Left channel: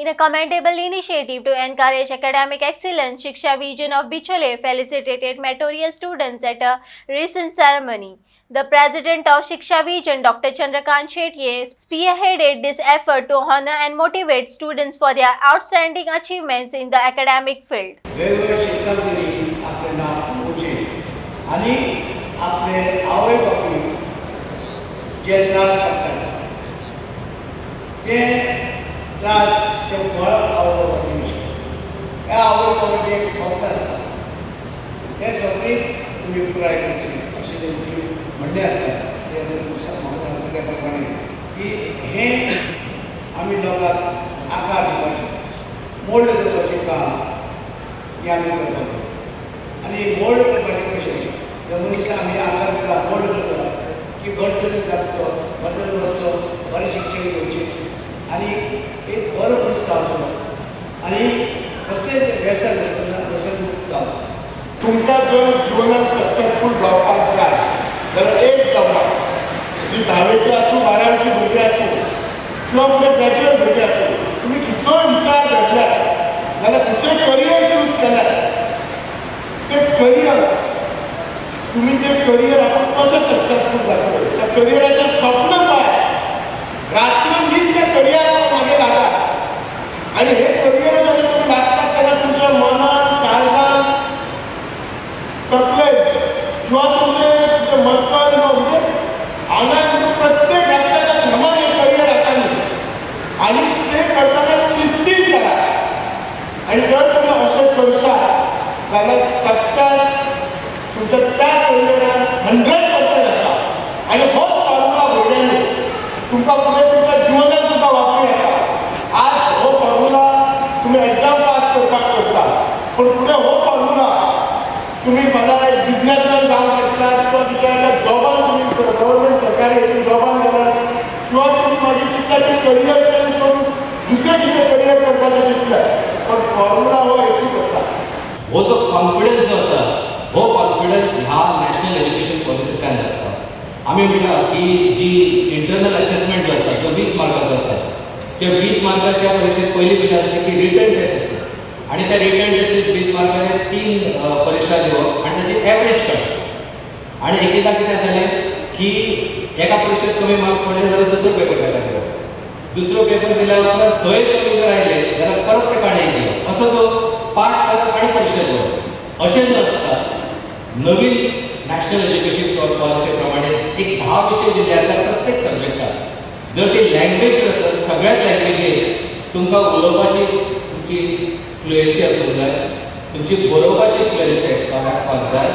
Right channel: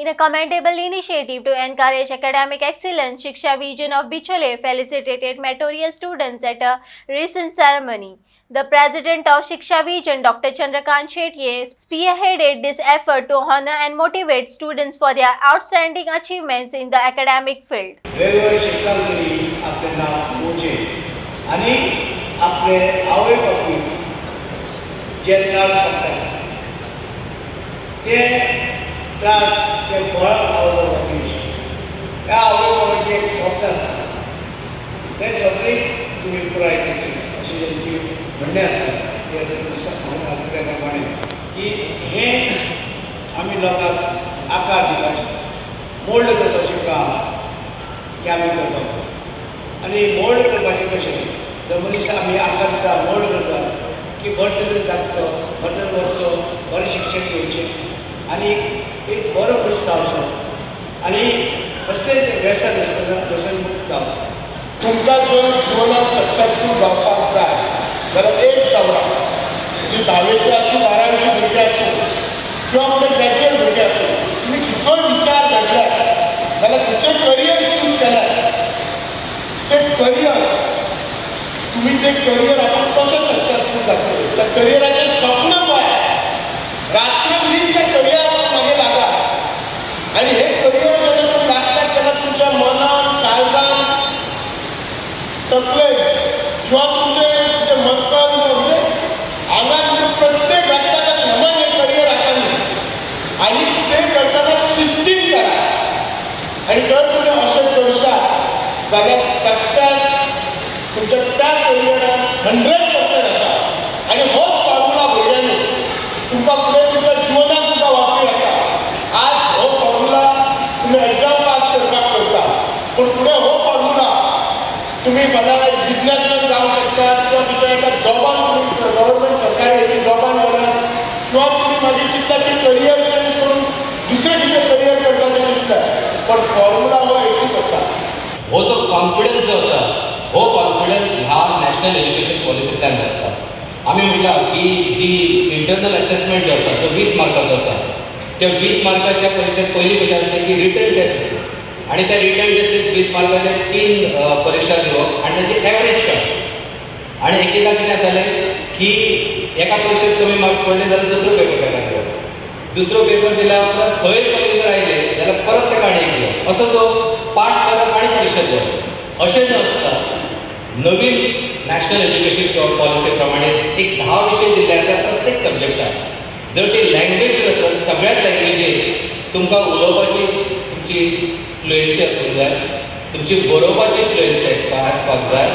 In a commendable initiative to encourage academic excellence, Shiksha Vision of Bichole felicitated meritorious students at a recent ceremony. The president of Shiksha Vision, Dr. Chandrakant Shetye, spearheaded this effort to honor and motivate students for their outstanding achievements in the academic field. त्रास ते फळ आवडटा दिवची त्या आवडपाचे एक स्वप्न आसता ते सगळी तुमी पुराय करची अशें तेंची म्हणणें आसा त्या प्रमाणे की हे आमी लोकांक आकार दिवपाचें मोल्ड करपाचें काम हें आमी करपाचें आनी मोल्ड करपाचें कशें जो मनीस आमी आकार दिता मोल्ड करता की बरें जावचो बरें वचचो बरें शिक्षण घेवचें आणि एक बरो मनीस जावचो आनी कसलेंच व्यसन नासतना व्यसनमुक्त जावचो. तुमकां जर जिवनांत सक्सेसफूल जावपाक जाय जाल्यार एक गजाल जी 10वीची आसूं 12वीची भुरगीं आसूं किंवा फुडें ग्रॅज्युएट भुरगीं आसूं तुमी खंयचोय विचार धरल्यात जाल्यार खंयचोय करियर चूज केल्यार तें करियर तुमी तें करियर आपण कशें सक्सेसफूल जातलें त्या करियराचें स्वप्न पळय रात्री दीस त्या करियराक मागे लागा आनी हे करियर जेन्ना तुमी लागतात तेन्ना तुमच्या मनान काळजान तकलेन किंवा तुमचे मसल म्हणजे हांगा प्रत्येक रक्ताच्या थेमान एक करियर आसा न्ही आनी तें करतना शिस्तीन करा आनी जर तुमी अशें करशात जाल्यार सक्सेस तुमच्या त्या करियरान 100% आसा आनी होच फॉर्मुला भुरग्यांनी तुमकां फुडें तुमच्या जिवनांत सुद्दां वापरूं येता. आज हो फॉर्मुला तुमी एग्जाम पास करपाक करता पूण फुडें हो फॉर्मुला तुमी फाल्यां एक बिजनसमॅन जावंक शकतात किंवा तुमच्या एका जॉबान तुमी गव्हर्मेंट सरकारी हातूंत जॉबान गेल्यात किंवा तुमी मागीर चिंततात की करियर चेंज करून दुसरें कितें करियर करपाचें चिंतल्यात पण फॉर्मुला हो एकूच आसा. हो जो कॉन्फिडन्स जो आसा हो कॉन्फिडन्स ह्या नॅशनल एज्युकेशन पॉलिसींतल्यान जाता. आमी म्हणटा की जी इंटरनल असेसमेंट जो आसा तो 20 मार्काचो आसा त्या 20 मार्काच्या परीक्षेत पयली कशें आसता की रिटन टेस्ट आसता आनी त्या रिटन टेस्टीत 20 मार्काचे 3 परीक्षा दिवप आनी ताची एवरेज काडप आनी एकदां कितें जातालें की एका परीक्षेत कमी मार्क्स पडले जाल्यार दुसरो पेपर ताका दिवप दुसरो पेपर दिल्या उपरांत थंय कमी जर आयले जाल्यार परत ताका आनी एक दिवप असो तो पाठ करप आनी परीक्षा दिवप अशें जें आसता. नवीन नॅशनल एज्युकेशन पॉलिसी प्रमाणे एक 10 विशय दिल्ले आसात प्रत्येक सब्जेक्टाक जर ती लँग्वेज आसत सगळ्याच लँग्वेजीर तुमकां उलोवपाची तुमची फ्लुएन्सी आसूंक जाय तुमची बरोवपाची फ्लुएन्सी आसपाक जाय